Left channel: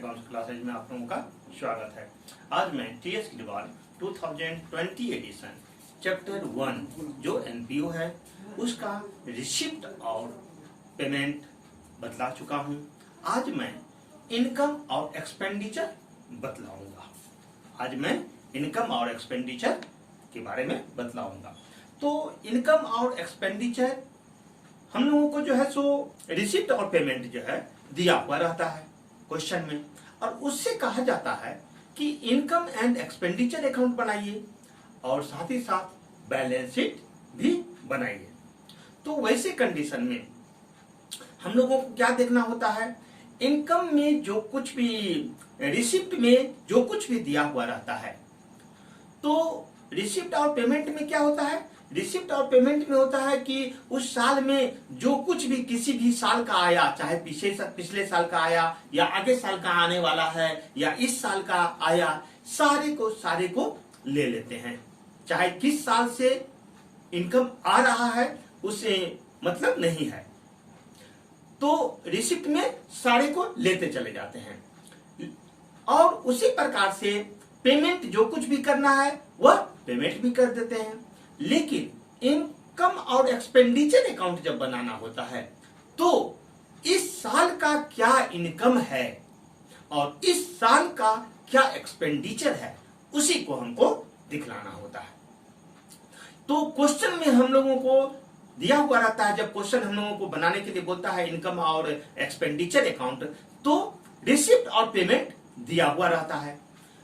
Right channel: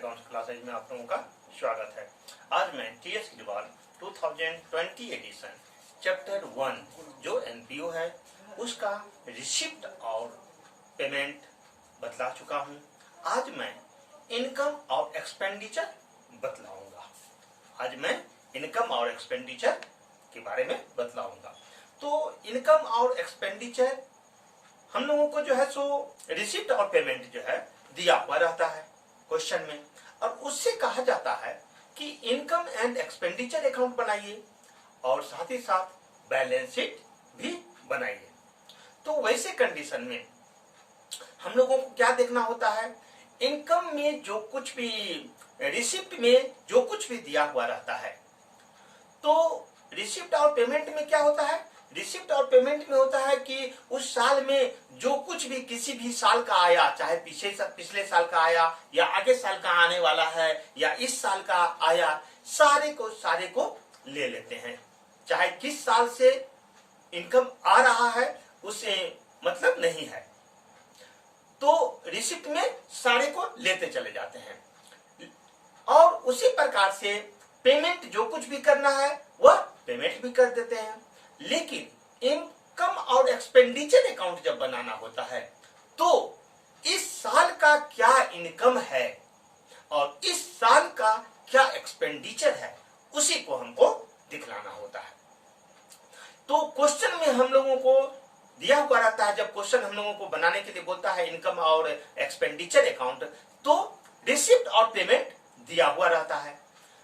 Accounts classes में आप लोगों का स्वागत है। आज मैं टीएस किरवाल 2020 एडिशन चैप्टर 1 जो एनपीओ है उसका रिसिप्ट और पेमेंट बतला चुका हूं। आज मैं इनकम और एक्सपेंडिचर बतलाऊंगा। आज मैं इनकम और एक्सपेंडिचर के बारे में बतलाऊंगा। तो इनकम और एक्सपेंडिचर हम लोगों को जो है सो रिसिप्ट और पेमेंट जो है दिया हुआ रहता है क्वेश्चन में, और उससे कहा जाता है कि इनकम एंड एक्सपेंडिचर अकाउंट बनाइए और साथ ही साथ बैलेंस शीट भी बनाइए। तो वैसे कंडीशन में हम लोगों को क्या देखना होता है, इनकम में जो कुछ भी रिसिप्ट में जो कुछ भी दिया हुआ रहता है, तो रिसिप्ट और पेमेंट में क्या होता है, रिसिप्ट और पेमेंट में होता है कि उस साल में जो कुछ भी किसी भी साल का आया, चाहे पिछले साल का आया या आगे साल का आने वाला है या इस साल का आया, सारे को ले लेते हैं। चाहे किस साल से इनकम आ रहा है उससे मतलब नहीं है, तो रिसिप्ट में सारे को लेते चले जाते हैं। और उसी प्रकार से पेमेंट जो कुछ भी करना है वह पेमेंट भी कर देते हैं। लेकिन इनकम और एक्सपेंडिचर अकाउंट जब बनाना होता है तो इस साल का क्या इनकम है और इस साल का क्या एक्सपेंडिचर है उसी को हमको दिखलाना होता है। तो क्वेश्चन में हम लोगों को दिया हुआ रहता है, जब क्वेश्चन हम लोगों को बनाने के लिए बोलता है इनकम और एक्सपेंडिचर अकाउंट, तो रिसिप्ट और पेमेंट दिया हुआ रहता है।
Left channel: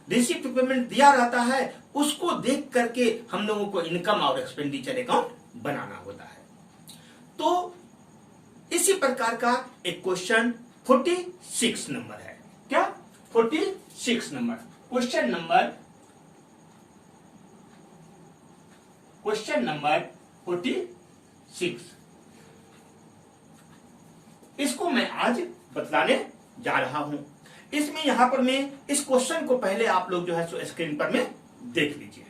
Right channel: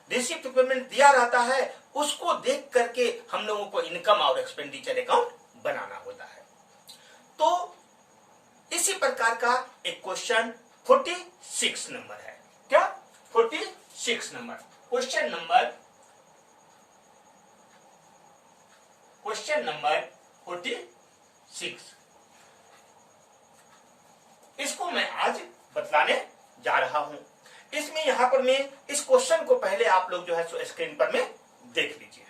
रिसिप्ट पेमेंट दिया रहता है, उसको देख करके हम लोगों को इनकम और एक्सपेंडिचर अकाउंट बनाना होता है। तो इसी प्रकार का एक क्वेश्चन 46 नंबर है। क्या 46 नंबर क्वेश्चन नंबर 46, इसको मैं आज बतलाने जा रहा हूं। इसमें यहां पर मैं इस क्वेश्चन को पहले आप लोग जो है सो स्क्रीन पर में देख लीजिए।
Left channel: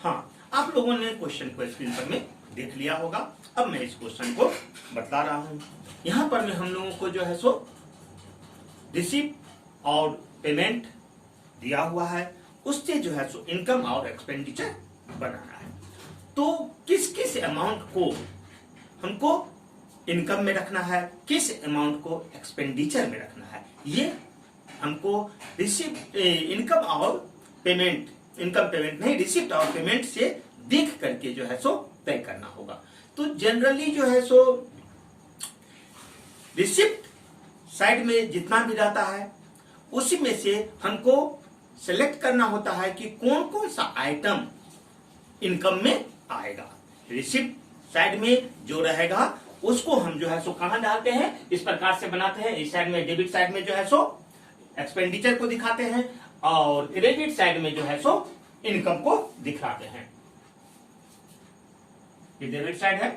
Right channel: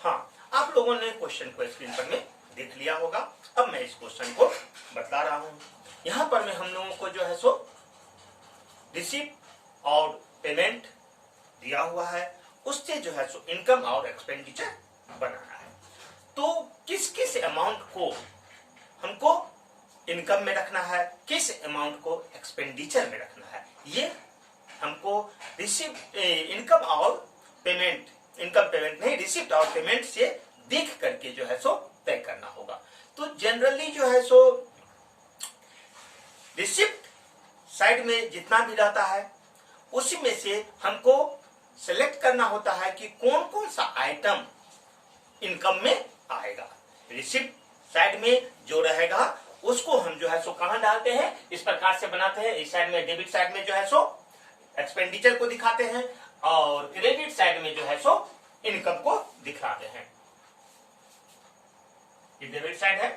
हाँ, आप लोगों ने क्वेश्चन को स्क्रीन पर में देख लिया होगा। अब मैं इस क्वेश्चन को बता रहा हूं। यहां पर में हम लोगों को जो है सो रिसिप्ट और पेमेंट दिया हुआ है, उससे जो है सो इनकम और एक्सपेंडिचर बनाना है। तो किस किस अमाउंट को हमको इनकम में रखना है, किस अमाउंट को एक्सपेंडिचर में रखना है, ये हमको रिसिप्ट इनकम और पेमेंट, इनकम पेमेंट नहीं रिसिप्ट और पेमेंट से देख करके जो है सो तय करना होगा। तो जनरली जो है सो रिसिप्ट साइड में जितना भी रहता है उसी में से हमको सेलेक्ट करना होता है कि कौन कौन सा आइटम इनकम में आएगा। रिसिप्ट साइड में जो रहेगा उसको हम जो है सो कहां डालते हैं, इस प्रकार से बनाते हैं। इस साइड में डेबिट साइड में जो है सो एक्सपेंडिचर को दिखाते हैं और क्रेडिट साइड में जो है सो इनकम को दिखाते हैं। ये डेबिट साइड है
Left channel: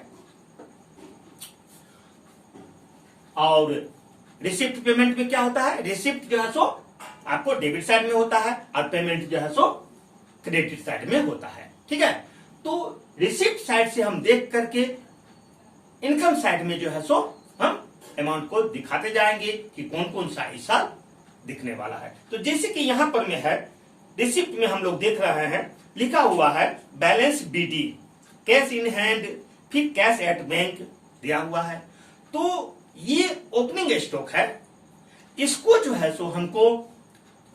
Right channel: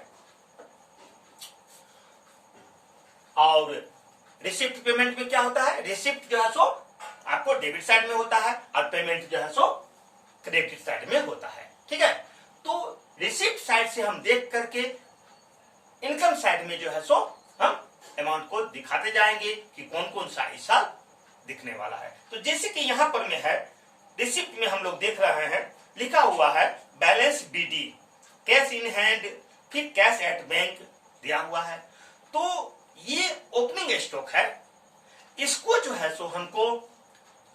और रिसिप्ट पेमेंट में क्या होता है, रिसिप्ट जो है सो आपको डेबिट साइड में होता है और पेमेंट जो है सो क्रेडिट साइड में होता है। ठीक है, तो रिसिप्ट साइड से हम देख करके इनकम साइड में जो है सो हम अमाउंट को दिखाते जाएंगे कि कौन कौन सा इस साल दिखने वाला है। तो जैसे कि यहां पर में है, रिसिप्ट में हम लोग देख रहे हैं लिखा हुआ है balance BD, cash in hand, फिर कैश एट बैंक दिया हुआ है। तो ये ओपनिंग स्टॉक है, इसको जो है सो हमको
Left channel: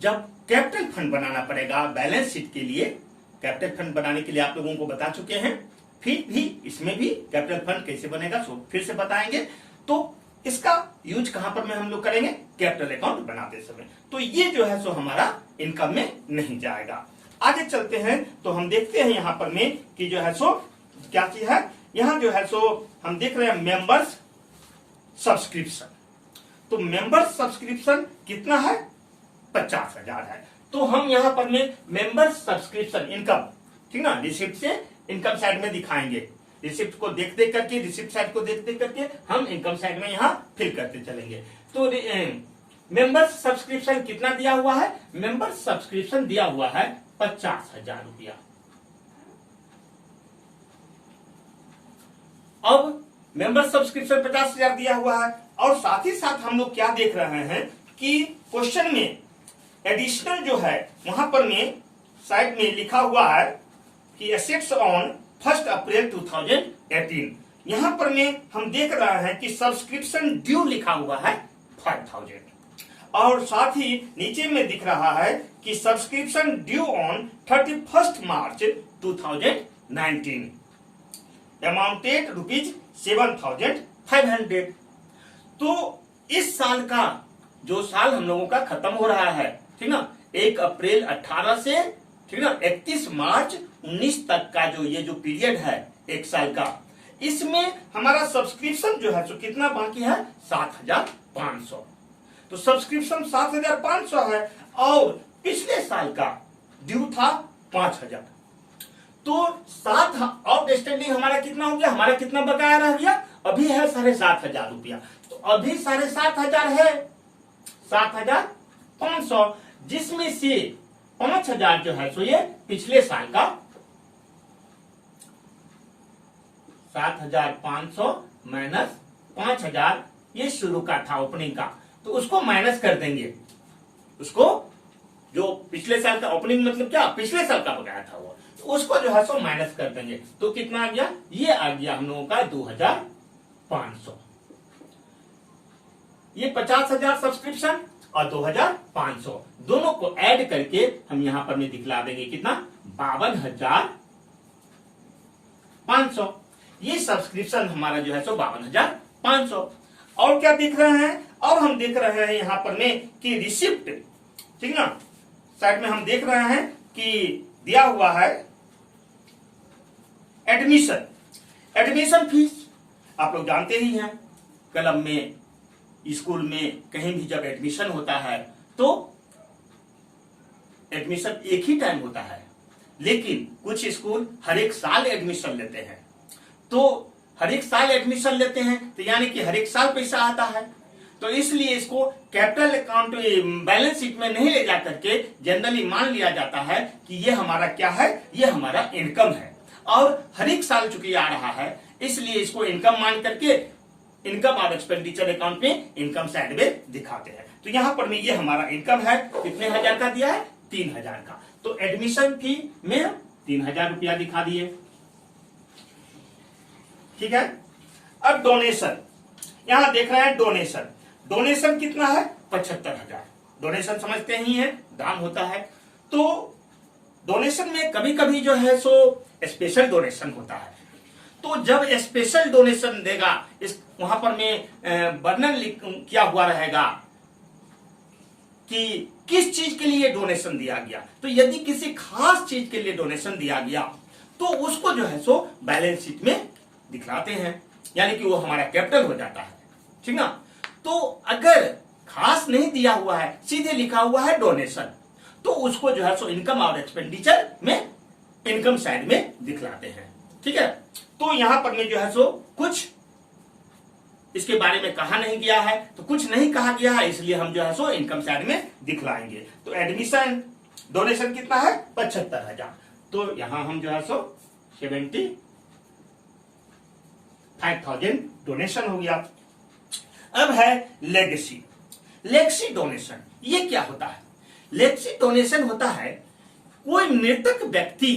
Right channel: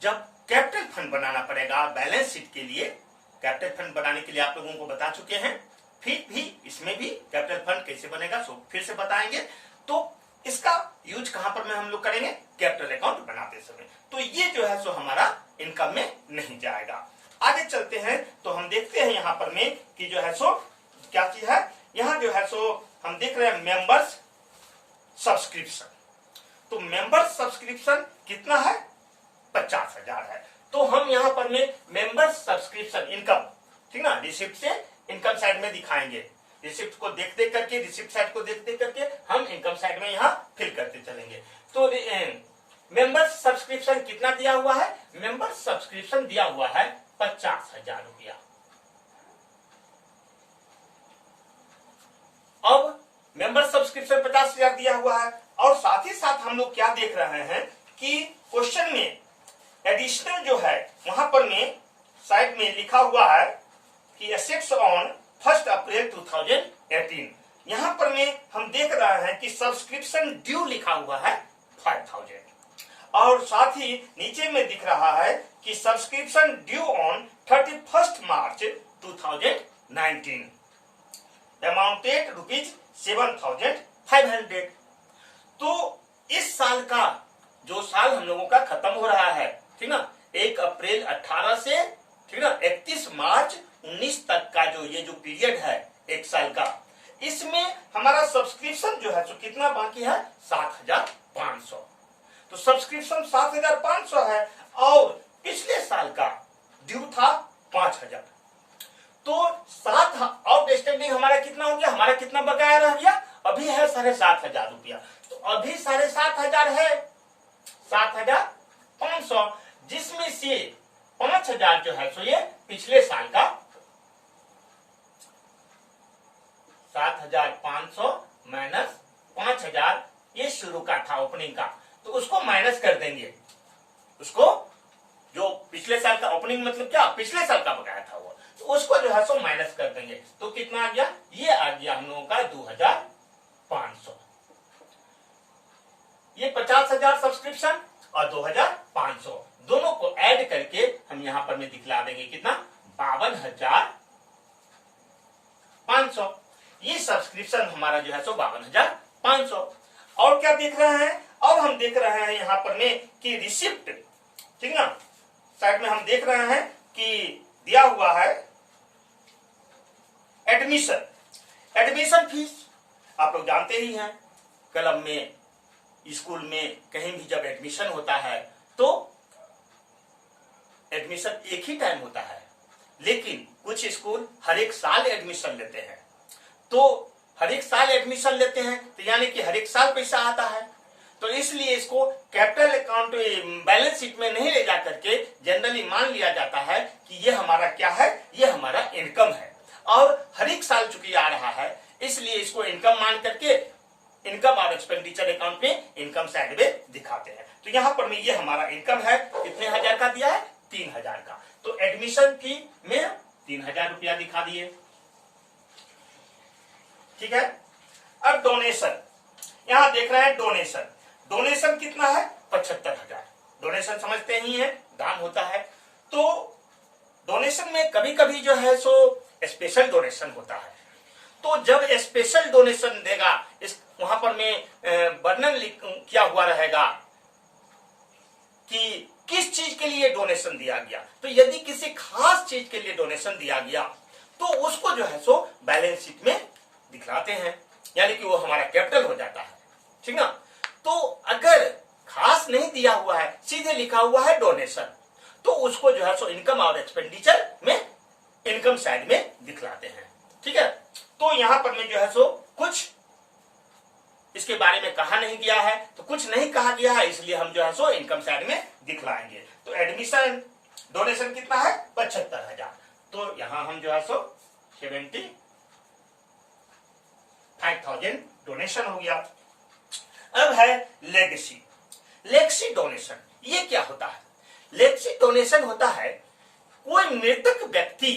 जब कैपिटल फंड बनाना पड़ेगा बैलेंस शीट के लिए, कैपिटल फंड बनाने के लिए आप लोगों को बता चुके हैं, फिर भी इसमें भी कैपिटल फंड कैसे बनेगा सो फिर से बताएंगे। तो इसका यूज कहां पर में हम लोग करेंगे, कैपिटल अकाउंट बनाते समय। तो ये जो है सो हमारा इनकम में नहीं जाएगा। आगे चलते हैं तो हम देखते हैं यहाँ पर में कि जो है सो क्या चीज है, यहाँ जो है सो हम देख रहे हैं मेंबर्स सब्सक्रिप्शन। तो मेंबर्स सब्सक्रिप्शन कितना है, 50,000 है। तो हम यहाँ पर में मेंबर्स सब्सक्रिप्शन इनकम, ठीक ना, रिसिप्ट से इनकम साइड में दिखाएंगे। रिसिप्ट को देख देख करके, रिसिप्ट साइड को देख देख करके हम इनकम साइड में यहाँ फिल करते चलेंगे। तो मेंबर्स सब्सक्रिप्शन कितना दिया हुआ है, मेंबर्स सब्सक्रिप्शन दिया हुआ है 50,000 रुपया। अब मेंबर सब्सक्रिप्शन 50,000 दिया हुआ है, और साथ ही साथ हम लोग क्या देख रहे हैं कि क्वेश्चन में एडिशनल जो है वहां पर में साइड में लिखा हुआ है कि एसेट्स ऑन 1 अप्रैल 2018। यहां पर में हम देख रहे हैं कि सब्सक्रिप्शन ड्यू लिखा हुआ है 5,000, और साथ ही नीचे में दिख रहा है कि subscription due on 31 March 2019 amounted ₹7,500। तो इस साल का जो साल हम लोगों का खत्म हो रहा है, ठीक ना, 1 अप्रैल 18 से, ठीक ना, 31 मार्च 19 तक का जो ये जो पीरियड है एक साल का, इसमें हमारा सब्सक्रिप्शन जो है तो कितना बाकी है, 7,500। तो सब्सक्रिप्शन 7,500 है, और पिछले साल का ड्यू था 5,000। तो 7 आउटस्टैंडिंग हमारा कितना हो गया, हमारा कितना बकाया रह गया, अभी है 7,500 रुपया। तो अभी 7,500 है, 7,500, जिसमें से 5,000 जो है सो ये पिछले साल का, 7,500 माइनस 5,000 ये शुरू का था ओपनिंग का, तो उसको माइनस कर देंगे। उसको जो पिछले साल का ओपनिंग मतलब क्या, पिछले साल का बकाया था वो, तो उसको जो है सो माइनस कर देंगे। तो कितना आ गया, ये आ गया हम लोगों का 2,500। ये 50,000 सब्सक्रिप्शन और 2,500 दोनों को ऐड करके हम यहां पर में दिखला देंगे कितना, 52,500। ये सब्सक्रिप्शन हमारा जो है सो 52,500। और क्या देख रहे हैं, और हम देख रहे हैं यहां पर में कि रिसिप्ट, ठीक ना, साइड में हम देख रहे हैं कि दिया हुआ है एडमिशन फीस। आप लोग जानते ही हैं, क्लब में, स्कूल में, कहीं भी जब एडमिशन होता है तो एडमिशन एक ही टाइम होता है, लेकिन कुछ स्कूल हर एक साल एडमिशन लेते हैं। तो हर एक साल एडमिशन लेते हैं तो यानी कि हर एक साल पैसा आता है, तो इसलिए इसको कैपिटल अकाउंट बैलेंस शीट में नहीं ले जा करके जनरली मान लिया जाता है कि ये हमारा क्या है, ये हमारा इनकम है, और हर एक साल चूंकि आ रहा है इसलिए इसको इनकम मान करके इनकम और एक्सपेंडिचर अकाउंट में इनकम साइड में दिखाते हैं। तो यहां पर में ये हमारा इनकम है, कितने हजार का दिया है, 3,000 का। तो एडमिशन फी में 3,000 रुपया दिखा दिए, ठीक है। अब डोनेशन, यहां देख रहे हैं डोनेशन कितना है, 75,000। डोनेशन समझते ही हैं, दान होता है। तो डोनेशन में कभी कभी जो है सो स्पेशल डोनेशन होता है, तो जब स्पेशल डोनेशन देगा, इस वहां पर में वर्णन किया हुआ रहेगा कि किस चीज के लिए डोनेशन दिया गया। तो यदि किसी खास चीज के लिए डोनेशन दिया गया तो उसको जो है सो बैलेंस शीट में दिखलाते हैं, यानी कि वो हमारा कैपिटल हो जाता है, ठीक ना। तो अगर खास नहीं दिया हुआ है, सीधे लिखा हुआ है डोनेशन, तो उसको जो है सो इनकम और एक्सपेंडिचर में इनकम साइड में दिखलाते हैं, ठीक है। तो यहां पर में जो है सो कुछ इसके बारे में कहा नहीं गया है, तो कुछ नहीं कहा गया है, इसलिए हम जो है सो इनकम साइड में दिखलाएंगे। तो एडमिशन डोनेशन कितना है, 75,000। तो यहां हम जो है सो 75,000 डोनेशन हो गया। अब है लेगेसी डोनेशन। ये क्या होता है, लेगेसी डोनेशन होता है कोई मृतक व्यक्ति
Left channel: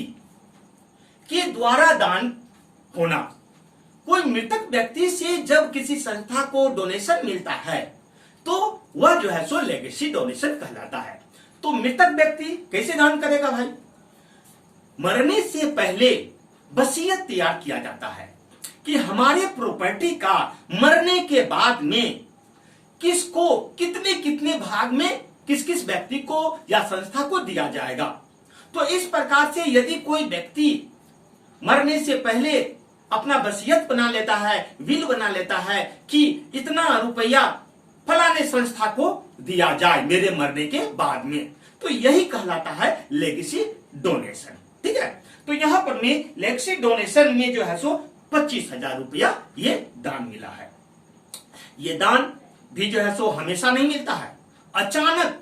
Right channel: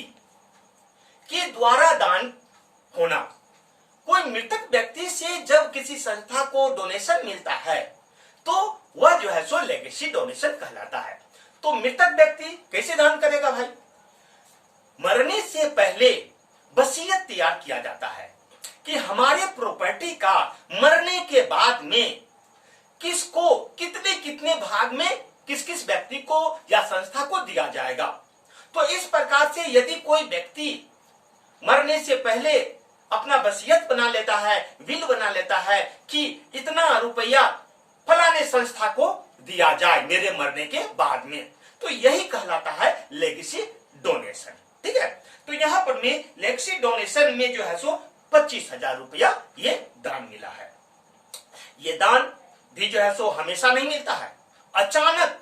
के द्वारा दान होना। कोई मृतक व्यक्ति से जब किसी संस्था को डोनेशन मिलता है तो वह जो है सो लेगेसी डोनेशन कहलाता है। तो मृतक व्यक्ति कैसे दान करेगा भाई, मरने से पहले वसीयत तैयार किया जाता है कि हमारे प्रॉपर्टी का मरने के बाद में किसको कितने कितने भाग में किस किस व्यक्ति को या संस्था को दिया जाएगा। तो इस प्रकार से यदि कोई व्यक्ति मरने से पहले अपना वसीयत बना लेता है, विल बना लेता है कि इतना रुपया फलाने संस्था को दिया जाए मेरे मरने के बाद में, तो यही कहलाता है लेगेसी डोनेशन। ठीक है, तो यहां पर में लेगेसी डोनेशन में जो है सो 25,000 रुपया ये दान मिला है। ये दान भी जो है सो हमेशा नहीं मिलता है, अचानक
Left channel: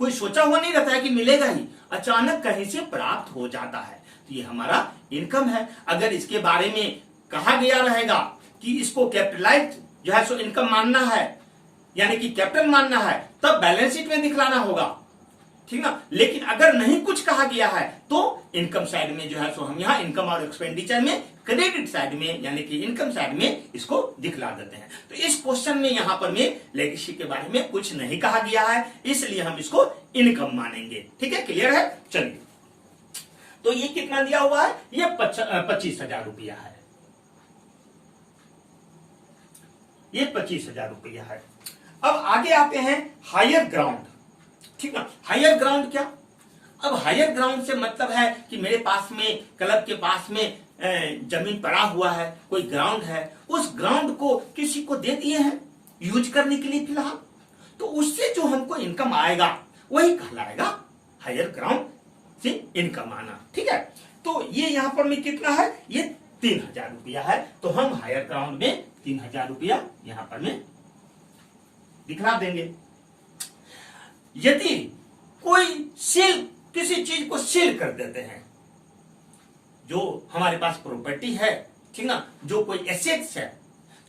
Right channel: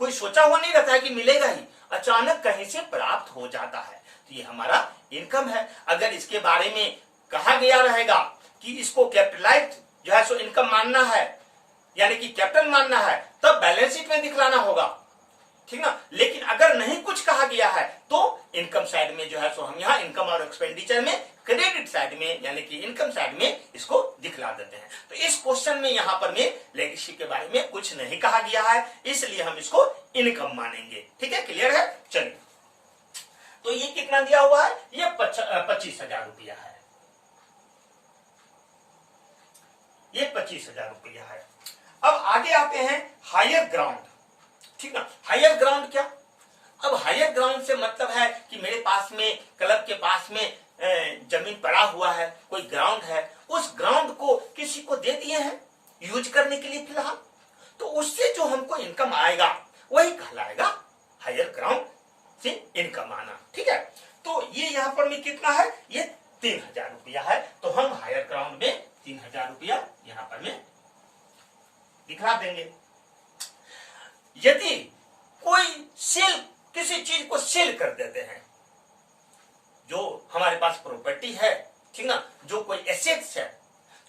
कोई सोचा हुआ नहीं रहता है कि मिलेगा ही, अचानक कहीं से प्राप्त हो जाता है। तो ये हमारा इनकम है। अगर इसके बारे में कहा गया रहेगा कि इसको कैपिटलाइज्ड जो है सो इनकम मानना है, यानी कि कैपिटल मानना है, तब बैलेंस शीट में दिखलाना होगा, ठीक ना। लेकिन अगर नहीं कुछ कहा गया है तो इनकम साइड में जो है सो हम यहाँ इनकम और एक्सपेंडिचर में क्रेडिट साइड में यानी कि इनकम साइड में इसको दिखला देते हैं। तो इस क्वेश्चन में यहाँ पर में लेगेसी के बारे में कुछ नहीं कहा गया है, इसलिए हम इसको इनकम मानेंगे। ठीक है, क्लियर है। चलिए, तो ये कितना दिया हुआ है, ये 25,000 रुपया है, ये 25,000 रुपया है। अब आगे आते हैं हायर ग्राउंड, ठीक ना। हायर ग्राउंड क्या, अब हायर ग्राउंड से मतलब है कि मेरे पास में क्लब के पास में जमीन पड़ा हुआ है, कोई ग्राउंड है, उस ग्राउंड को किसी को दे दिए हैं यूज करने के लिए फिलहाल, तो उससे जो हमको इनकम आएगा वही कहलाएगा हायर ग्राउंड से इनकम आना। ठीक है, तो ये यहाँ पर में कितना है, ये 3,000 रुपया है। तो हम हायर ग्राउंड में 3,000 रुपया यहाँ पर में दिखला देंगे। यदि कोई सेल, किसी चीज को सेल कर देते हैं, जो हमारे पास प्रॉपर्टी है, ठीक ना, जो कोई एसेट्स है,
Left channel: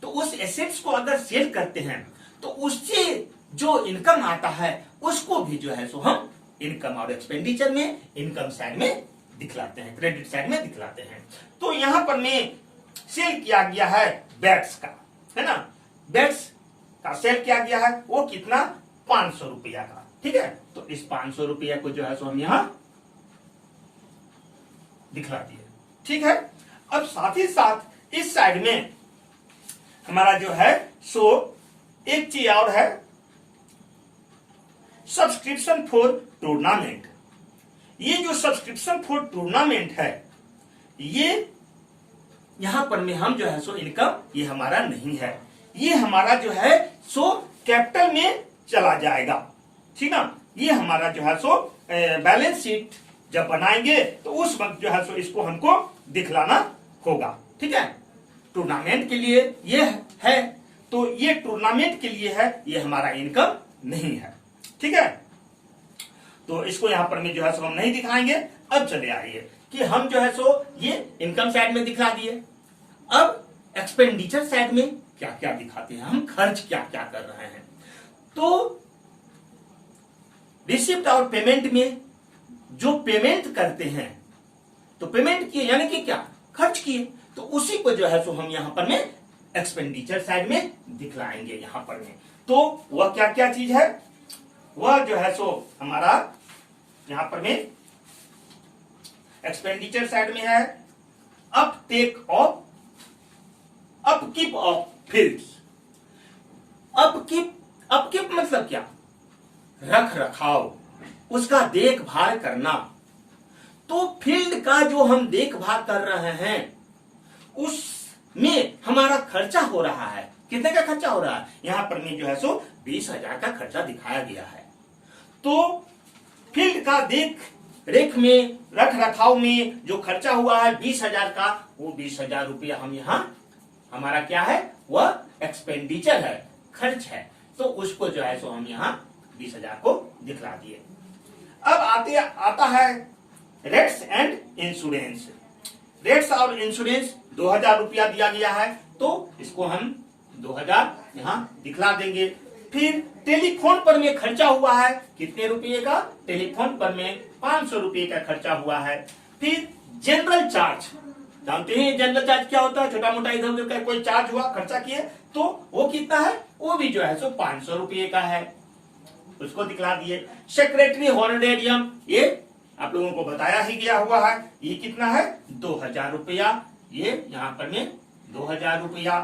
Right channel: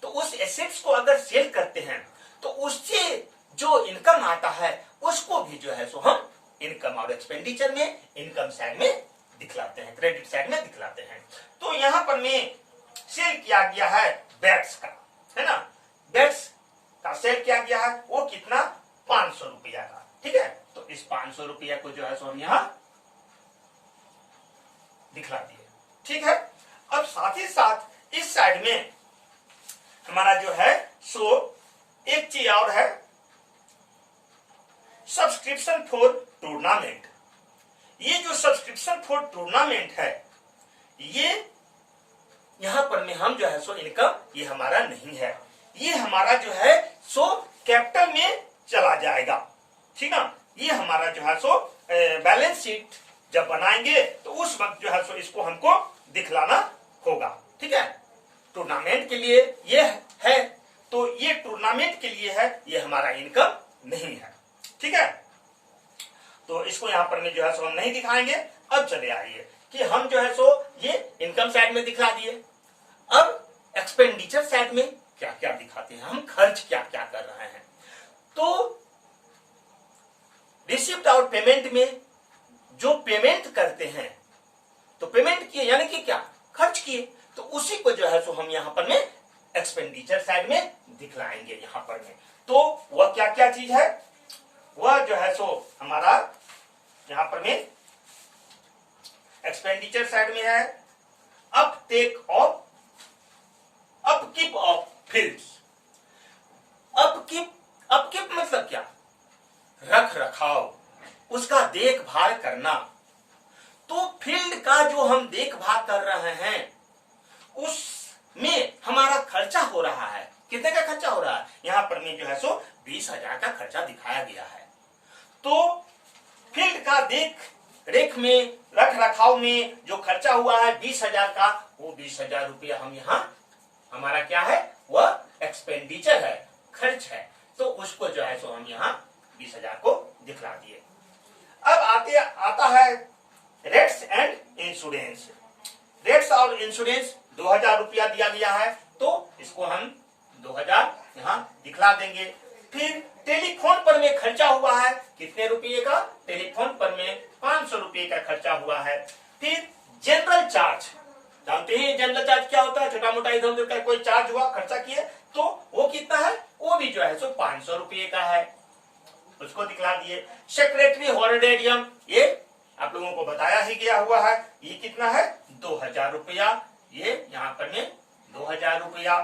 तो उस एसेट्स को अगर सेल करते हैं तो उससे जो इनकम आता है उसको भी जो है सो हम इनकम और एक्सपेंडिचर में इनकम साइड में दिखलाते हैं, क्रेडिट साइड में दिखलाते हैं। तो यहां पर में सेल किया गया है बैट्स का, है ना, बैट्स का सेल किया गया है, वो कितना, 500 रुपया का। ठीक है, तो इस 500 रुपया को जो है सो हम यहां दिखला दिए। ठीक है, अब साथ ही साथ इस साइड में हमारा जो है सो एक चीज और है, सब्सक्रिप्शन फॉर टूर्नामेंट। ये जो सब्सक्रिप्शन फॉर टूर्नामेंट है, ये यहां पर में हम जो है सो इनकम ये हमारा नहीं है, ये हमारा जो है सो कैपिटल में चला जाएगा। ठीक ना, ये हमारा जो है सो बैलेंस शीट जब बनाएंगे तो उस वक्त जो है सो इसको हमको दिखलाना होगा। ठीक है, टूर्नामेंट के लिए ये है, तो ये टूर्नामेंट के लिए है, ये हमारा इनकम नहीं है। ठीक है, तो इसको यहां पर में जो है सो हम नहीं दिखाएंगे। अब चले आइए कि हम जो है सो ये इनकम साइड में दिखा दिए, अब एक्सपेंडिचर साइड में क्या क्या दिखाते हैं, हम खर्च क्या क्या कर रहे हैं। तो रिसिप्ट और पेमेंट में जो पेमेंट करते हैं, तो पेमेंट किए यानी कि क्या, खर्च किए, तो उसी को जो है सो हम यहां पर में एक्सपेंडिचर साइड में दिखलाएंगे यहां पर में। तो वह क्या क्या चीज है, वह जो है सो हमारा यहां पर में एक्सपेंडिचर साइड में है Uptake of, upkeep of fields. Upkeep मतलब क्या, रख रखाव, उसका देखभाल करना। तो फील्ड का जो हम देखभाल कर रहे हैं उसमें हमारा खर्चा हो रहा है, कितने का खर्चा हो रहा है, यहां पर में जो है सो 20,000 का खर्चा दिखाया गया है। तो फील्ड का देख रेख में, रख रखाव में जो खर्चा हुआ है 20,000 का, वो 20,000 रुपया हम यहाँ हमारा क्या है, वह एक्सपेंडिचर है, खर्च है, तो उसको जो है सो हम यहाँ 20,000 को दिखला दिए। अब आता है रेट्स एंड इंश्योरेंस। रेट्स और इंश्योरेंस 2,000 रुपया दिया गया है, तो इसको हम 2,000 यहाँ दिखला देंगे। फिर टेलीफोन पर में खर्चा हुआ है, कितने रुपये का, टेलीफोन पर में 500 रुपये का खर्चा हुआ है। फिर जनरल चार्ज, जानते हैं जनरल चार्ज क्या होता है, छोटा मोटा इधर उधर का कोई चार्ज हुआ, खर्चा किए, तो वो कितना है, वो भी जो है सो 500 रुपये का है, उसको दिखला दिए। सेक्रेटरी हॉनरेरियम, ये आप लोगों को बताया ही गया हुआ है, ये कितना है, 2,000 रुपया, ये यहाँ पर में 2,000 रुपया।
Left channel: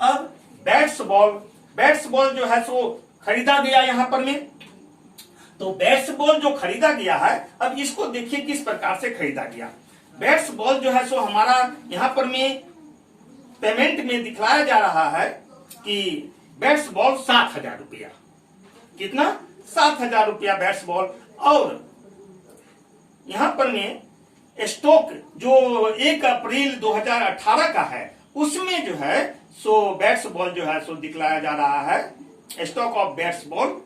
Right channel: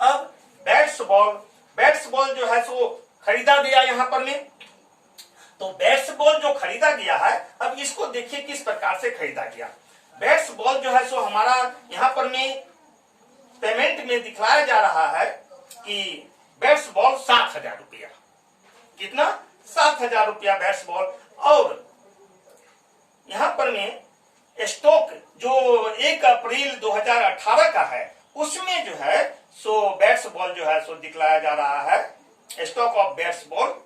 अब बैट्स बॉल जो है सो खरीदा गया यहाँ पर में, तो बैट्स बॉल जो खरीदा गया है, अब इसको देखिए किस प्रकार से खरीदा गया। बैट्स बॉल जो है सो हमारा यहाँ पर में पेमेंट में दिखलाया जा रहा है कि बैट्स बॉल 7,000 रुपया। कितना? 7,000 रुपया बैट्स बॉल। और यहाँ पर में स्टॉक जो 1 अप्रैल 2018 का है, उसमें जो है सो बैट्स बॉल जो है सो दिखलाया जा रहा है स्टॉक ऑफ बैट्स बॉल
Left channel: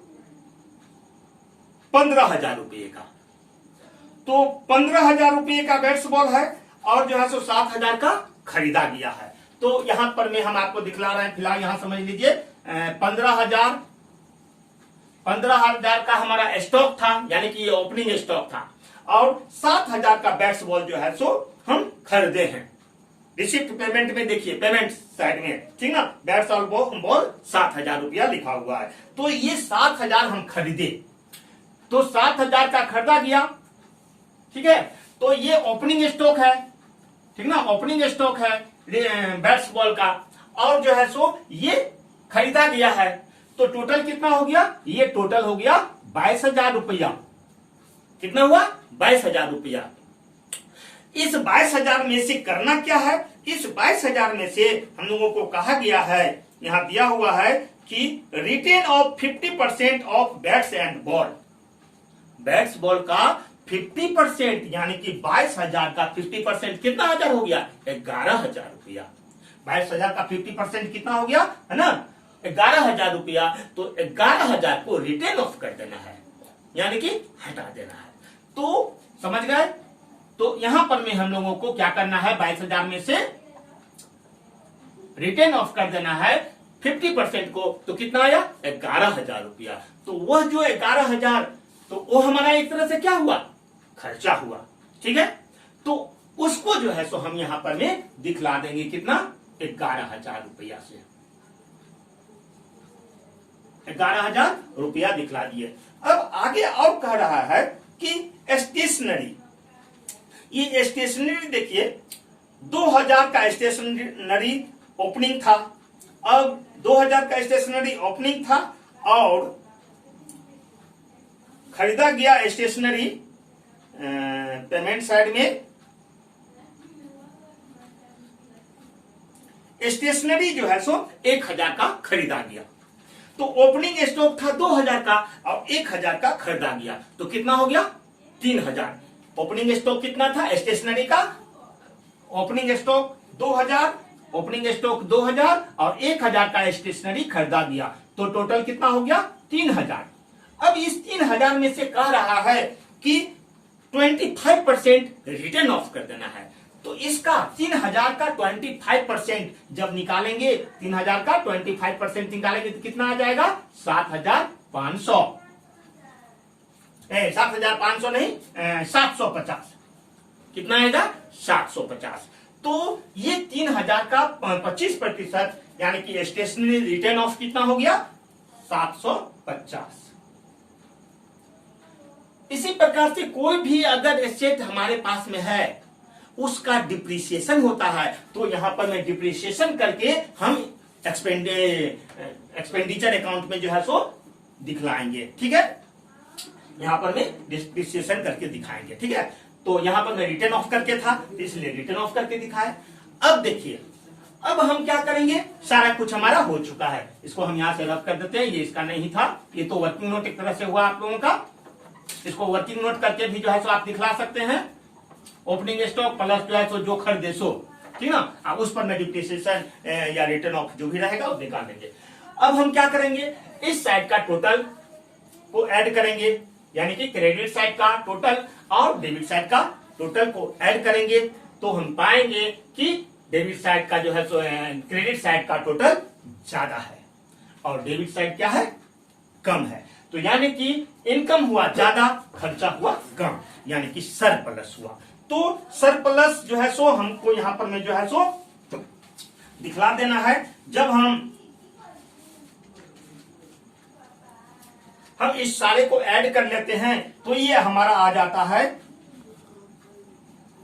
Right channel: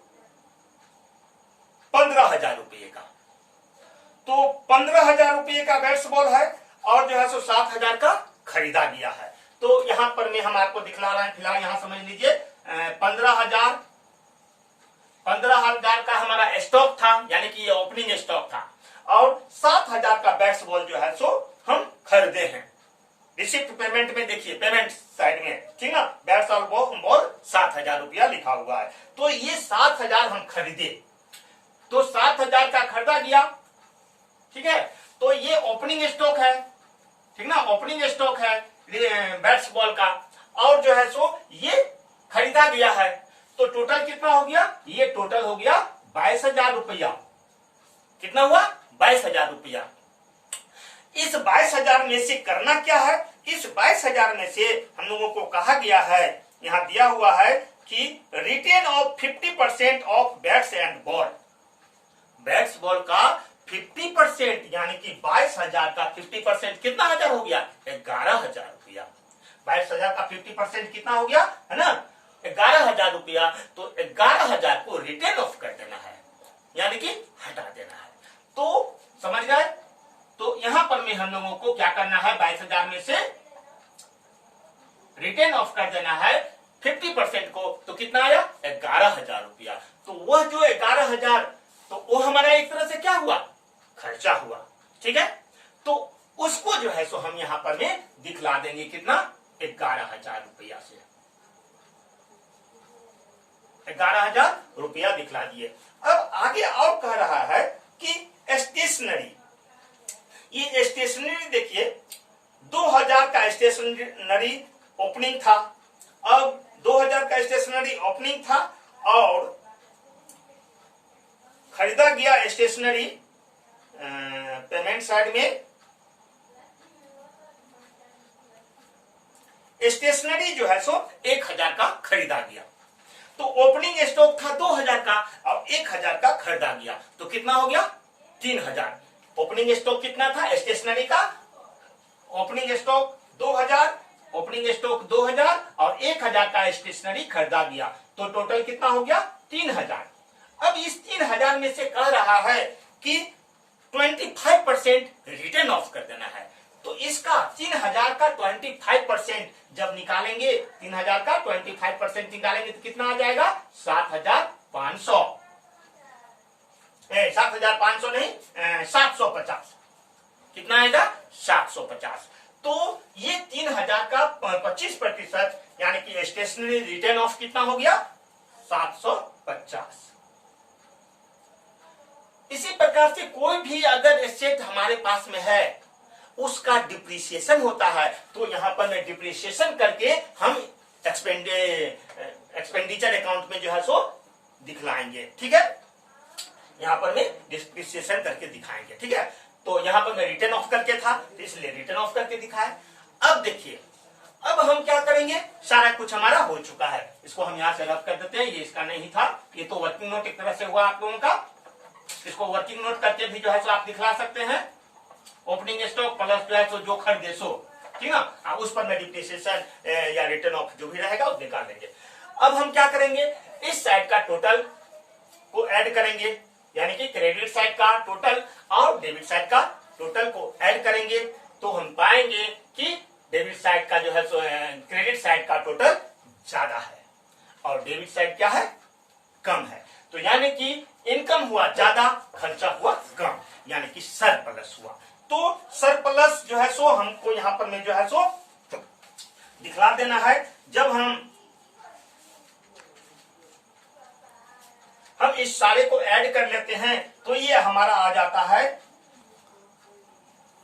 15,000 रुपये का। तो 15,000 रुपये का बैट्स बॉल है और जो है सो 7,000 का खरीदा गया है। तो यहां पर में हम आपको दिखला रहे हैं, फिलहाल यहां समझ लीजिए 15,000 का हमारा स्टॉक था, यानी कि ये ओपनिंग स्टॉक था, और 7,000 का बैट्स बॉल जो है सो हम खरीदे हैं। रिसिप्ट पेमेंट में देखिए, पेमेंट साइड में, ठीक ना, बैट्स बॉल 7,000 रुपया लिखा हुआ है। तो ये 7,000 हम खरीदे, तो 7,000 का खरीदा गया, ठीक है। तो ये ओपनिंग स्टॉक है, ठीक ना, ओपनिंग स्टॉक है बैट्स बॉल का, और जो है सो ये खरीदा गया है। तो टोटल कितना हो गया? ये टोटल हो गया 22,000 रुपया। कितना हुआ? 22,000 रुपया। इस 22,000 में से करना क्या है? इस 22,000 में से हम लोगों को कहा गया है, यहां दिया हुआ है कि written off 50% of bats and ball. Bats ball का 50%, यानी कि 22,000 का 50% कितना हजार हो गया? 11,000 रुपया। 22,000 का 50% कितना हो गया, है ना, 11,000 रुपया। तो 11,000 को रिटेन ऑफ कर देना है, यानी कि हटा देना है। तो समझ गए? तो यहां पर में हम लोगों को क्या करना है? 22,000 में से रिटेन ऑफ कर देना है 50% को। तो कितना आया? 11,000 रुपया। तो वह जो 11,000, तो वो हमारा एक तरह से क्या हुआ? खर्चा हुआ, ठीक है। तो उसको जो है सो हम यहां पर में दिखला देंगे, कितना? 11,000 रुपया से 11,000 रुपया दिखला दिए। अब आगे और कह रहा है कि स्टेशनरी, ये स्टेशनरी देखिए 2,000 का स्टेशनरी ओपनिंग था। अब 2,000 का स्टेशनरी ओपनिंग था और खरीदा गया स्टेशनरी पेमेंट साइड में। स्टेशनरी जो है सो 1,000 का खरीदा गया। तो ओपनिंग स्टॉक था 2,000 का और 1,000 का खरीदा गया, तो कितना हो गया? 3,000। ओपनिंग स्टॉक कितना था स्टेशनरी का? ओपनिंग स्टॉक 2,000, ओपनिंग स्टॉक 2,000 और 1,000 का स्टेशनरी खरीदा गया, तो टोटल कितना हो गया? 3,000। अब इस 3,000 में से कह रहा है कि 25% रिटर्न ऑफ कर देना है। तो इसका 3,000 का 25% जब निकालेंगे, 3,000 का 25% निकालेंगे तो कितना आ जाएगा? 7,500। 7,500 नहीं, 750। कितना आएगा? 750। तो ये 3,000 का 25%, यानी कि स्टेशनरी रिटर्न ऑफ कितना हो गया? 750। इसी प्रकार से कोई भी अगर एसेट हमारे पास में है, उसका डिप्रिसिएशन होता है, तो यहां पर मैं डिप्रिसिएशन करके हम एक्सपेंडिचर अकाउंट में जो है सो दिखलाएंगे, ठीक है। यहां पर मैं डिप्रिसिएशन करके दिखाएंगे, ठीक है। तो यहां पर मैं रिटर्न ऑफ करके था, तो इसलिए रिटर्न ऑफ करके दिखाए। अब देखिए, अब हम क्या करेंगे? सारा कुछ हमारा हो चुका है, इसको हम यहां से रद्द कर देते हैं। ये इसका नहीं था, ये तो वर्किंग नोट एक तरह से हुआ आप लोगों का। इसको वर्किंग नोट करके भी जो है सो आप दिखला सकते हैं। ओपनिंग स्टॉक प्लस जो है सो जो खरीदे सो, ठीक ना, अब उस पर मैं डिप्रिसिएशन या रिटर्न ऑफ जो भी रहेगा वो निकाल देंगे। अब हम क्या करेंगे? इस साइड का टोटल को ऐड करेंगे, यानी कि क्रेडिट साइड का टोटल और डेबिट साइड का टोटल को ऐड करेंगे, तो हम पाएंगे कि डेबिट साइड का जो है सो क्रेडिट साइड का टोटल ज्यादा है और डेबिट साइड क्या है? कम है। तो यानी कि इनकम हुआ ज्यादा, खर्चा हुआ कम, यानी कि सरप्लस हुआ। तो सरप्लस जो है सो हमको यहां पर में जो है सो दिखला देना है। जब हम इस सारे को ऐड कर लेते हैं तो ये हमारा आ जाता है,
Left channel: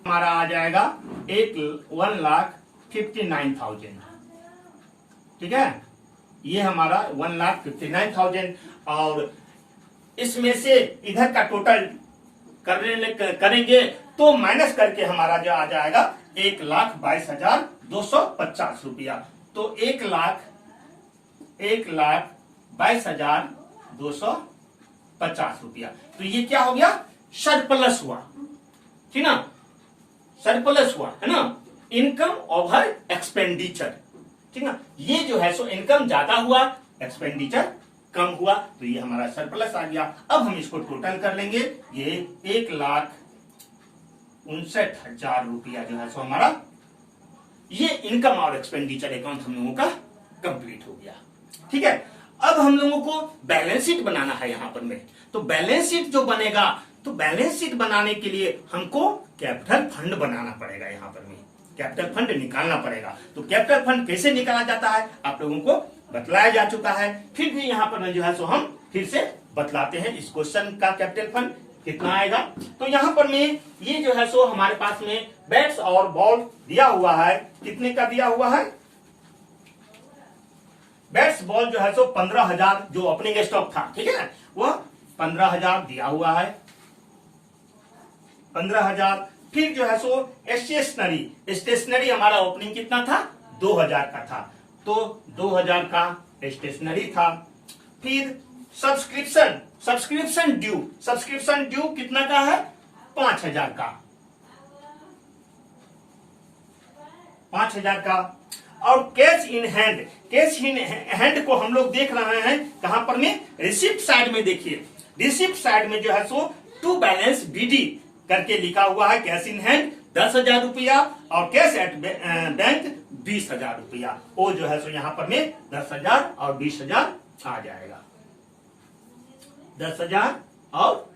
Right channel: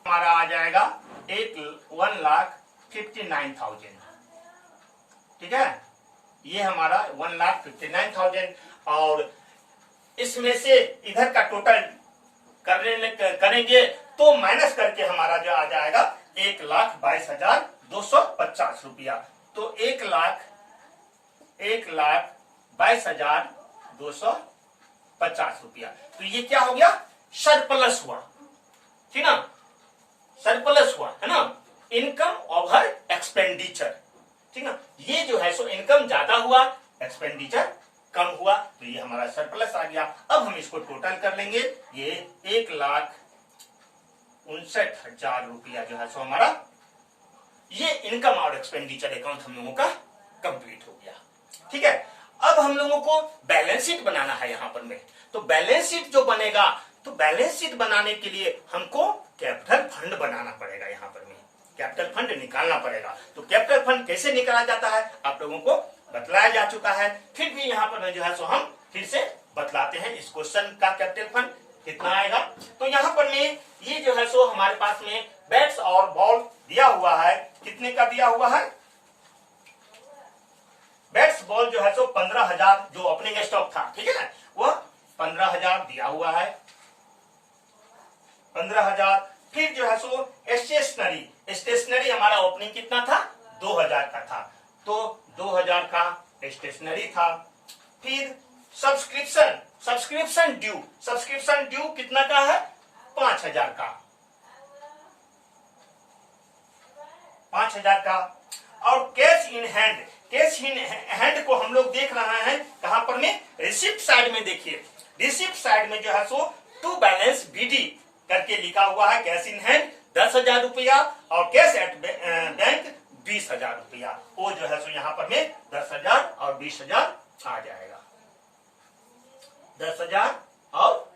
हमारा आ जाएगा 1,59,000, ठीक है। ये हमारा 1,59,000 और इसमें से इधर का टोटल करेंगे तो माइनस करके हमारा जो आ जाएगा 1,22,250 रुपया। तो 1,22,250 रुपया। तो ये क्या हो गया, सरप्लस हुआ, ठीक ना, सरप्लस हुआ है ना, इनकम ओवर एक्सपेंडिचर, ठीक ना। ये जो है सो इनकम ज्यादा हुआ, एक्सपेंडिचर कम हुआ, तो ये हमारा सरप्लस आ गया। अब हम इसको टोटल कर लेंगे, ये 1,59,000 रुपया जो है सो हमारा ये इनकम और एक्सपेंडिचर अकाउंट हम लोगों का कंप्लीट हो गया, ठीक है। अब हम लोगों को बैलेंस शीट बनाना है यहाँ पर में। तो बैलेंस शीट जो बनेगा, तो बैलेंस शीट बनाने के लिए हमको कैपिटल फंड बनाना पड़ेगा, यहाँ पर में कैपिटल फंड निकालना पड़ेगा। तो कैपिटल फंड कैसे निकाला जाता है आप लोगों को बतलाया जा चुका है, फिर भी यहाँ पर जो है सो हम फिर से बतलाते हैं इस क्वेश्चन का कैपिटल फंड कितना आएगा। तो यहाँ पर में ये जो है सो हमारे पास में बैट्स और बॉल दिया हुआ है, कितने का दिया हुआ है, बैट्स बॉल जो है सो 15,000 जो ओपनिंग स्टॉक था, ठीक है, वह 15,000 दिया हुआ है, 15,000। फिर जो है सो स्टेशनरी हमारा ओपनिंग कितना था, 2,000 का था, तो 2,000 का स्टेशनरी था। फिर सब्सक्रिप्शन ड्यू कितना का है, 5,000 का, 5,000 का। और कैश इन हैंड को हम लोग देख रहे हैं कहां पर में, रिसिप्ट साइड में। देखिए रिसिप्ट साइड में जो है सो टू बैलेंस बीडी करके लिखा हुआ है, कैश इन हैंड 10,000 रुपया और कैश एट बैंक 20,000 रुपया। वो जो है सो यहाँ पर में 10,000 और 20,000 आ जाएगा, 10,000 और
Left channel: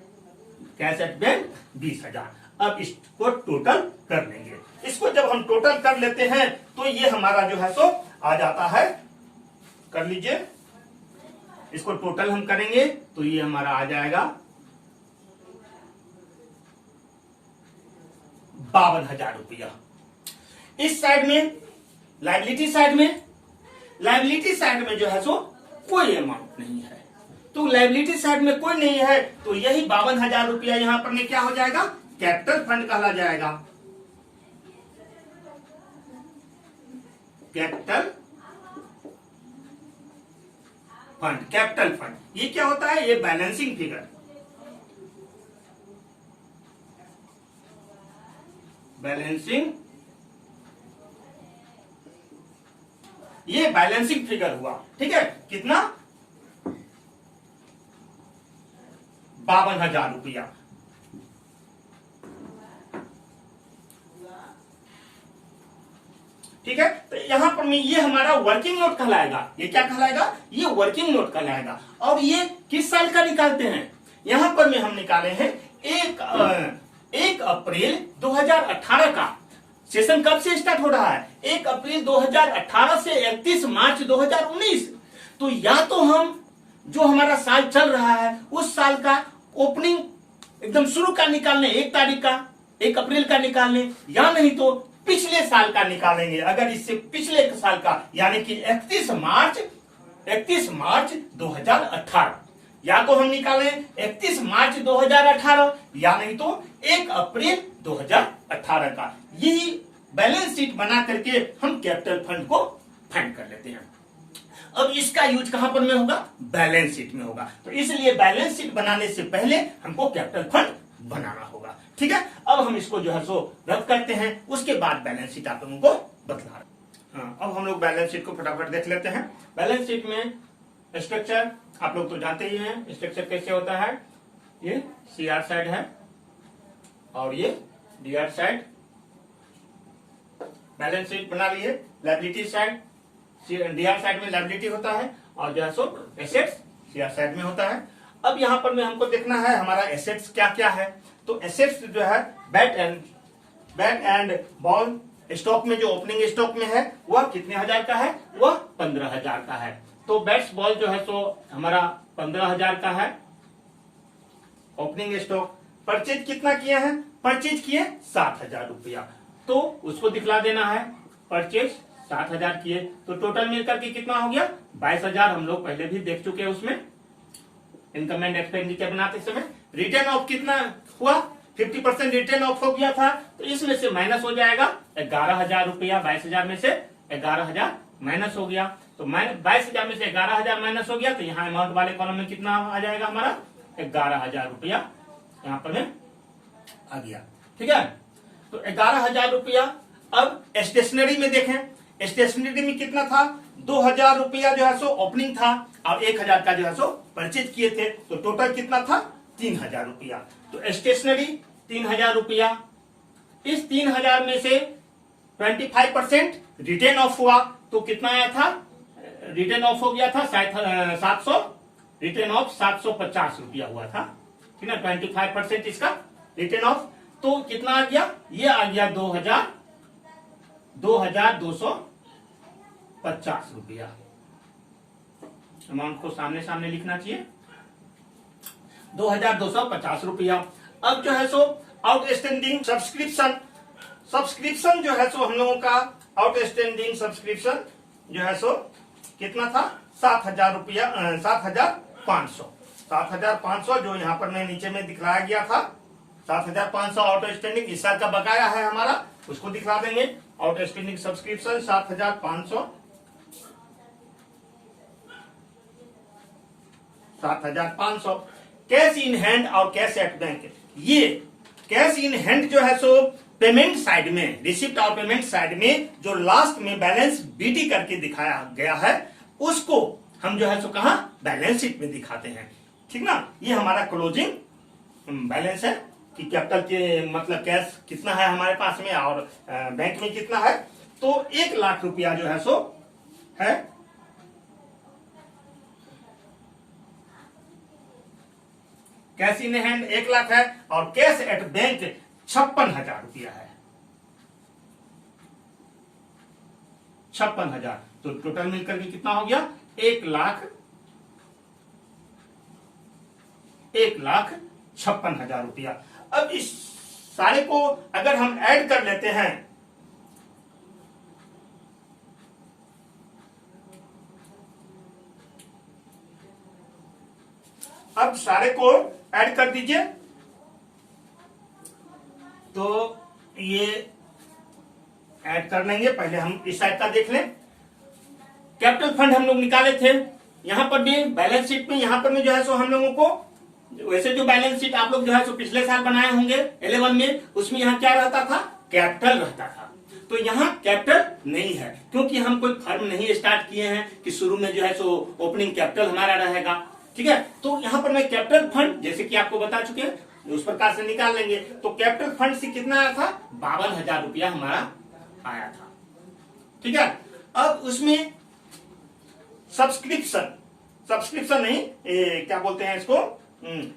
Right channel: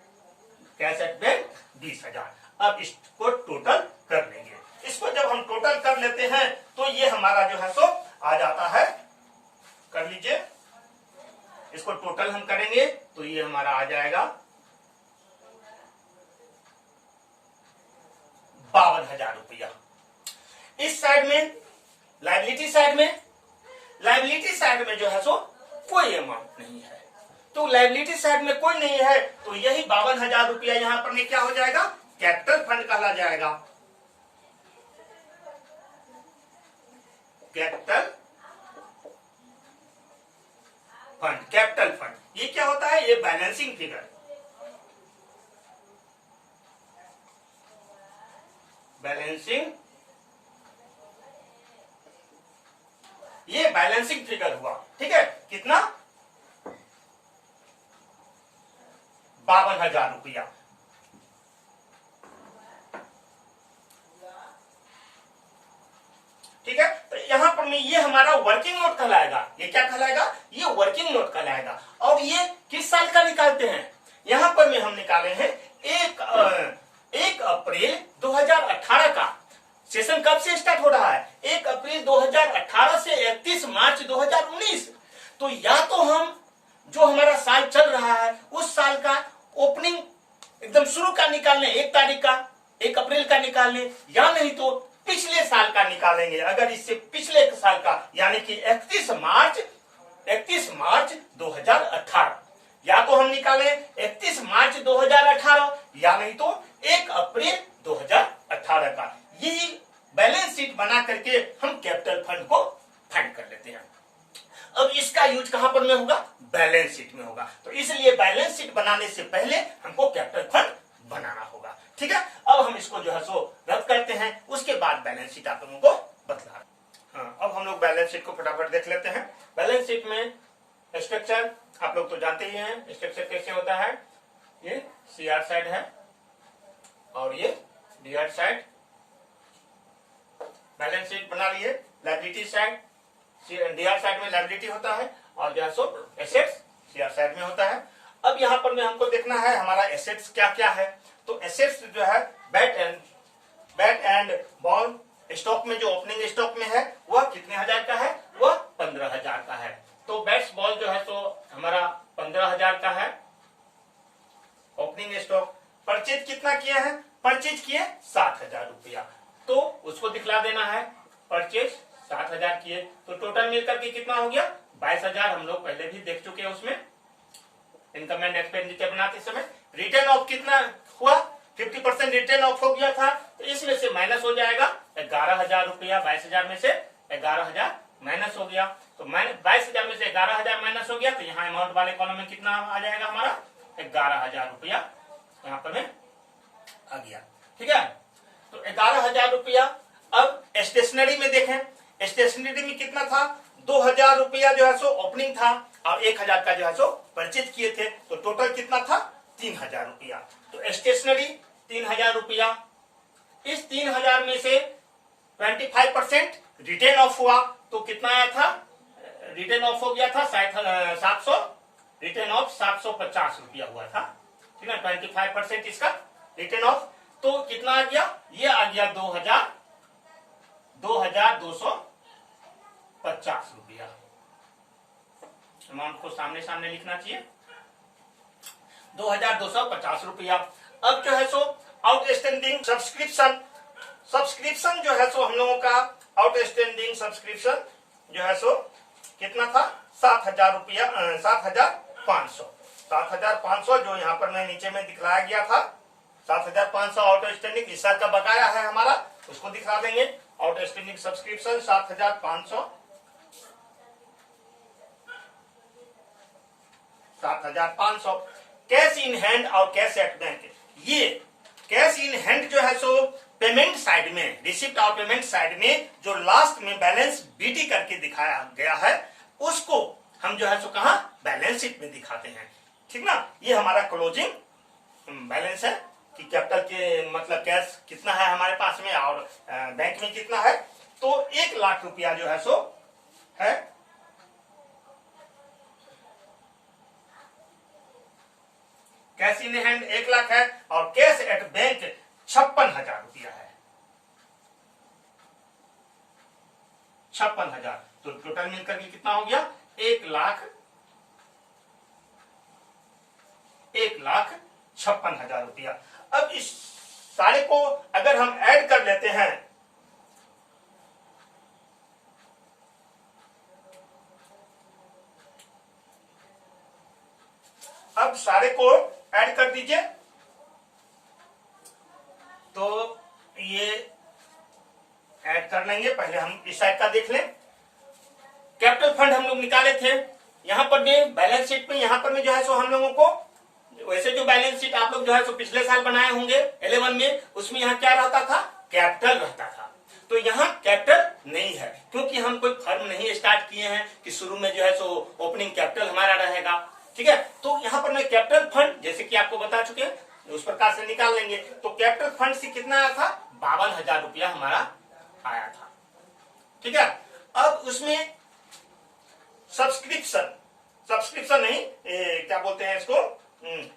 कैश एट बैंक 20,000। अब इसको टोटल कर लेंगे। इसको जब हम टोटल कर लेते हैं तो ये हमारा जो है सो आ जाता है, कर लीजिए, इसको टोटल हम करेंगे तो ये हमारा आ जाएगा 52,000 रुपया। इस साइड में लायबिलिटी साइड में जो है सो कोई अमाउंट नहीं है, तो लायबिलिटी साइड में कोई नहीं है, तो यही 52,000 रुपया यहाँ पर में क्या हो जाएगा, कैपिटल फंड कहला जाएगा, कैपिटल फंड। ये क्या होता है, ये बैलेंसिंग फिगर, ये बैलेंसिंग फिगर हुआ, ठीक है, कितना, 52,000 रुपया। ठीक है, तो यहां पर में ये हमारा वर्किंग नोट कहलाएगा, ये क्या कहलाएगा, ये वर्किंग नोट कहलाएगा। और ये किस साल का निकालते हैं, यहां पर में हम निकाले हैं 1 अप्रैल 2018 का। सेशन कब से स्टार्ट हो रहा है, 1 अप्रैल 2018 से 31 मार्च 2019। तो या तो हम जो हमारा साल चल रहा है उस साल का ओपनिंग एकदम शुरू का निकालने, 1 तारीख का, 1 अप्रैल का निकालने, या नहीं तो पिछले साल का निकालेंगे। अगर इससे पिछले साल का यानी कि 31 मार्च 2018, या तो हम निकालें 31 मार्च 2018 या नहीं तो 1 अप्रैल 2018 का। यही बैलेंस शीट बना करके हम कैपिटल फंड को फाइंड कर लेते हैं। अब इसका यूज कहां पर में होगा, बैलेंस शीट में होगा। तो इसलिए बैलेंस शीट बनाने से पहले हमको कैपिटल फंड बनाना होगा, ठीक है। अब हम इसको जो है सो रद्द करते हैं, उसके बाद बैलेंस शीट आप लोगों को बतला। हाँ, अब हम लोग बैलेंस शीट को फटाफट देख लेते हैं। बैलेंस शीट में स्ट्रक्चर आप लोग तो जानते ही हैं, स्ट्रक्चर कैसे होता है, ये सीआर साइड है और ये डीआर साइड। बैलेंस शीट बना लिए, लायबिलिटी साइड, डीआर साइड में लायबिलिटी होता है और जो है सो एसेट्स सीआर साइड में होता है। अब यहाँ पर में हमको देखना है हमारा एसेट्स क्या क्या है। तो एसेट्स जो है बैट एंड बॉल स्टॉक में जो ओपनिंग स्टॉक में है वह कितने हजार का है, वह 15,000 का है। तो बैट्स बॉल जो है सो हमारा 15,000 का है ओपनिंग स्टॉक। परचेज कितना किया है, परचेज किए 7,000 रुपया, तो उसको दिखला देना है। परचेज 7,000 किए तो टोटल मिलकर के कितना हो गया, 22,000। हम लोग पहले भी देख चुके हैं उसमें इनकम एंड एक्सपेंडिचर बनाते समय रिटर्न ऑफ कितना हुआ, 50% रिटर्न ऑफ हो गया था, तो इसमें से माइनस हो जाएगा 11,000 रुपया। 22,000 में से 11,000 माइनस हो गया, तो 22,000 में से 11,000 माइनस हो गया, तो यहाँ अमाउंट वाले कॉलम में कितना आ जाएगा हमारा 11,000 रुपया यहाँ पर में आ गया। ठीक है, तो 11,000 रुपया। अब स्टेशनरी में देखें, स्टेशनरी में कितना था, 2,000 रुपया जो है सो ओपनिंग था और 1,000 का जो है सो परचेज किए थे, तो टोटल कितना था 3,000 रुपया। तो स्टेशनरी 3,000 रुपया, इस 3,000 में से 25% रिटर्न ऑफ हुआ, तो कितना आया था, रिटर्न ऑफ हो गया था 700, रिटर्न ऑफ 750 रुपया हुआ था। ठीक है, 25% इसका रिटर्न ऑफ, तो कितना आ गया, ये आ गया 2,250 रुपया। अमाउंट को सामने सामने लिखना चाहिए, 2,250 रुपया। अब जो है सो आउटस्टैंडिंग सब्सक्रिप्शन, सब्सक्रिप्शन जो है सो हम लोगों का आउटस्टैंडिंग सब्सक्रिप्शन जो है सो कितना था, 7,000 रुपया, 7,500, 7,500 जो यहाँ पर मैं नीचे में दिखलाया गया था, 7,500 आउटस्टैंडिंग इस साल का बकाया है हमारा, उसको दिखला देंगे। Outstanding subscription 7,500, 7,500। Cash in hand और कैश एट बैंक, ये कैश इन हैंड जो है सो पेमेंट साइड में, रिसिप्ट और पेमेंट साइड में जो लास्ट में बैलेंस बीटी करके दिखाया गया है, उसको हम जो है सो कहा बैलेंस शीट में दिखाते हैं। ठीक ना, ये हमारा क्लोजिंग बैलेंस है कि कैपिटल के मतलब कैश कितना है हमारे पास में और बैंक में कितना है, तो 1,00,000 रुपया जो है सो है। कैश इन हैंड 1,00,000 है और कैश एट बैंक 56,000 रुपया है, 56,000, तो टोटल मिलकर के कितना हो गया, 1,56,000 रुपया। अब इस सारे को अगर हम ऐड कर लेते हैं, अब सारे को ऐड कर दीजिए, तो ये ऐड कर लेंगे। पहले हम इस साइड का देख लें, कैपिटल फंड हम लोग निकाले थे, यहां पर भी बैलेंस शीट में, यहां पर में जो है सो हम लोगों को वैसे जो बैलेंस शीट आप लोग जो है सो पिछले साल बनाए होंगे 11 में, उसमें यहाँ क्या रहता था, कैपिटल रहता था। तो यहाँ कैपिटल नहीं है, क्योंकि हम कोई फर्म नहीं स्टार्ट किए हैं कि शुरू में जो है सो ओपनिंग कैपिटल हमारा रहेगा। ठीक है, तो यहाँ पर मैं कैपिटल फंड जैसे कि आपको बता चुके हैं, उस प्रकार से निकाल लेंगे। तो कैपिटल फंड से कितना आया था, 52,000 रुपया हमारा आया था। ठीक है, अब उसमें सब्सक्रिप्शन, सब्सक्रिप्शन नहीं क्या बोलते हैं इसको,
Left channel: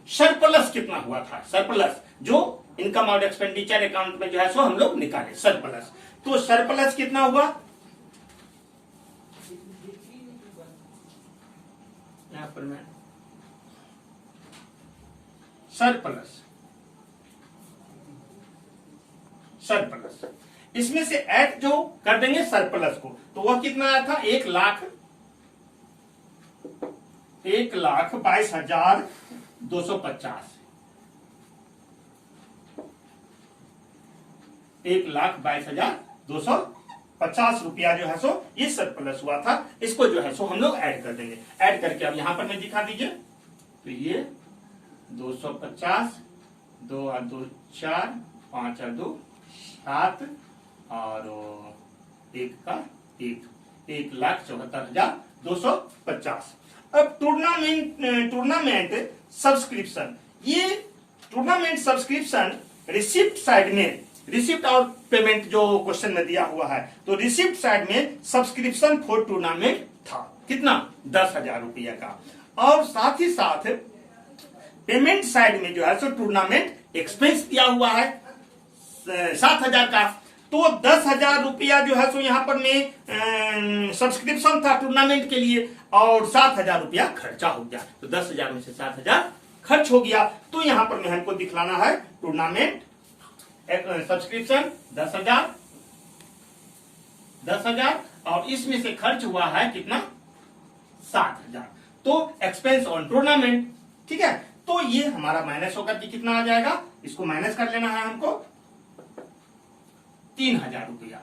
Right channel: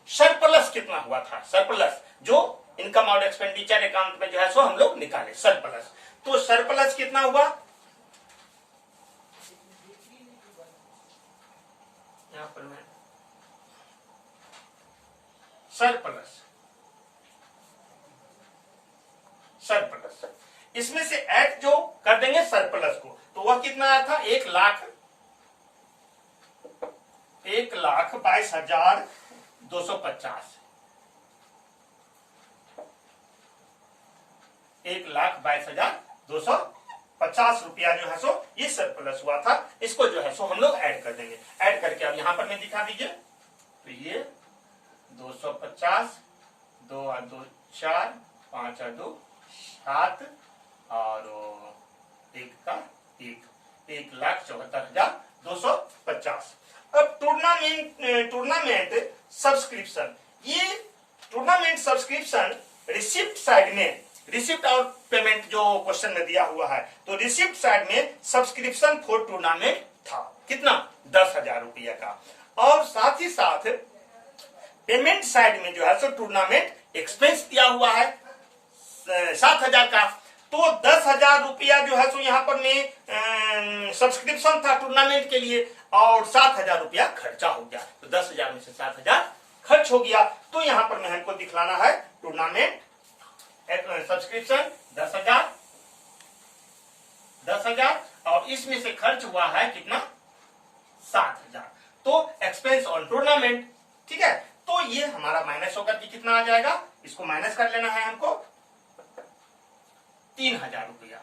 सरप्लस कितना हुआ था, सरप्लस जो इनकम और एक्सपेंडिचर अकाउंट में जो है सो हम लोग निकाले सरप्लस। तो सरप्लस कितना हुआ, यहां पर मैं सरप्लस, सरप्लस इसमें से ऐड जो कर देंगे सरप्लस को, तो वह कितना आया था, 1,22,250, 1,22,250 रुपया जो है सो ये सरप्लस हुआ था। इसको जो है सो हम लोग ऐड कर देंगे। ऐड करके अब यहां पर मैं दिखा दीजिए, तो ये 250, 2 और 2 4, 5 और 2 7 और 1 का 1, 1,74,250। अब टूर्नामेंट सब्सक्रिप्शन, ये टूर्नामेंट सब्सक्रिप्शन रिसिप्ट साइड में, रिसिप्ट और पेमेंट जो क्वेश्चन में दिया हुआ है, तो रिसिप्ट साइड में सब्सक्रिप्शन फॉर टूर्नामेंट था कितना, 10,000 रुपया का, और साथ ही साथ पेमेंट साइड में जो है सो टूर्नामेंट एक्सपेंस दिया हुआ है 7,000 का। तो 10,000 रुपया जो है सो यहाँ पर में सब्सक्रिप्शन था टूर्नामेंट के लिए और 7,000 रुपया खर्चा हो गया। तो 10,000 में से 7,000 खर्च हो गया। तो यहाँ पर में हमको दिखलाना है टूर्नामेंट सब्सक्रिप्शन 10,000 और इसमें से खर्च हुआ है कितना, 7,000। तो एक्सपेंस ऑन टूर्नामेंट ठीक है, तो ये हमारा माइनस होकर के कितना आ जाएगा, इसको माइनस कर लेना है हमको 3000 रुपया,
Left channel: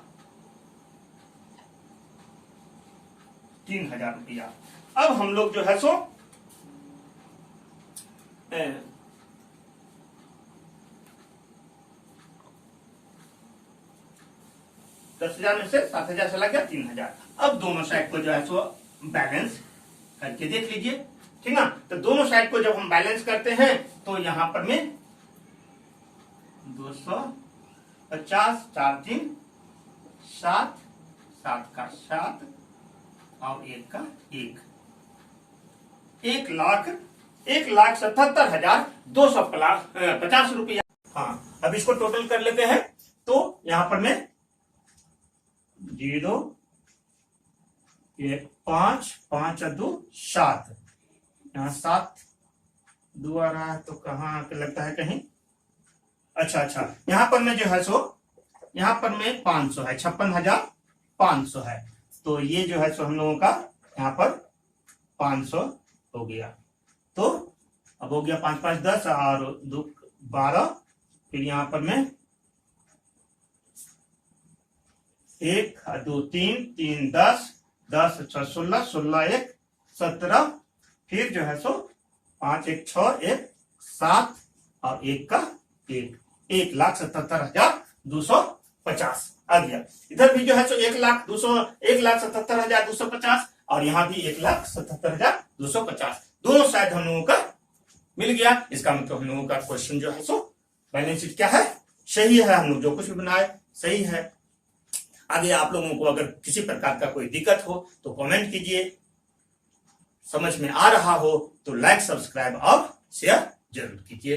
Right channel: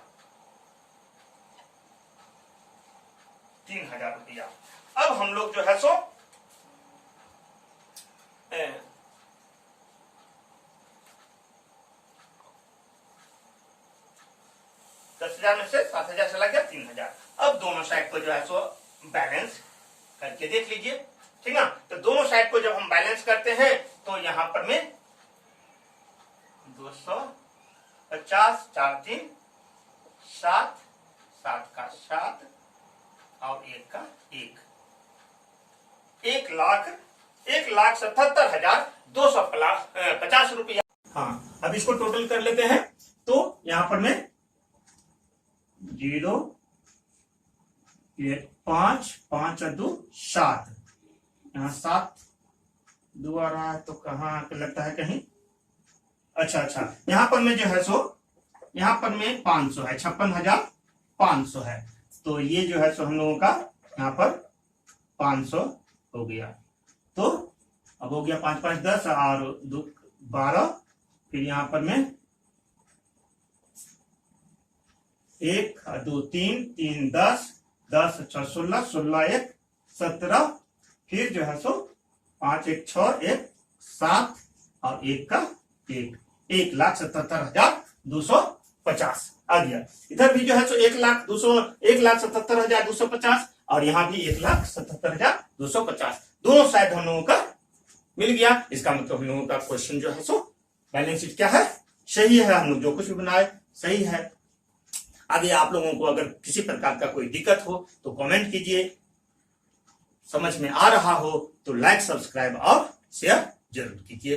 3000 रुपया। अब हम लोग जो है सो 10,000 में से 7,000 चला गया, 3,000। अब दोनों साइड को जो है सो बैलेंस करके देख लीजिए, ठीक ना। तो दोनों साइड को जब हम बैलेंस करते हैं तो यहां पर में 250, 4 3 7, 7 का 7 और 1 का 1, 1,77,250 रुपया। हाँ, अब इसको टोटल कर लेते हैं। तो यहां पर में 0 1 5 5 और 2 7, यहाँ 7 2 आ रहा है तो कहाँ लगता है कहीं, अच्छा यहाँ पर में जो है सो यहाँ पर में 500 है, 56,500 है। तो ये जो है सो हम लोगों का यहाँ पर 500 हो गया। तो अब हो गया 5 5 10 और 2 12, फिर यहाँ पर में 1 2 3 3 10 10 6 16 16 1 17, फिर जो है सो 5 1 6 1 7 और 1 का 1, 1,77,250 आ गया। इधर भी जो है सो 1,77,250 और यहाँ भी 1,77,250, दोनों साइड हम लोगों का मिल गया। इसका मतलब हम लोगों का क्वेश्चन जो है सो बैलेंस शीट क्या है, सही है। हम लोग जो कुछ भी बनाए सही है। आगे आप लोगों को अगर किसी प्रकार का कोई दिक्कत हो तो कमेंट कीजिए, समझ में आ रहा हो तो लाइक सब्सक्राइब और शेयर जरूर कीजिए।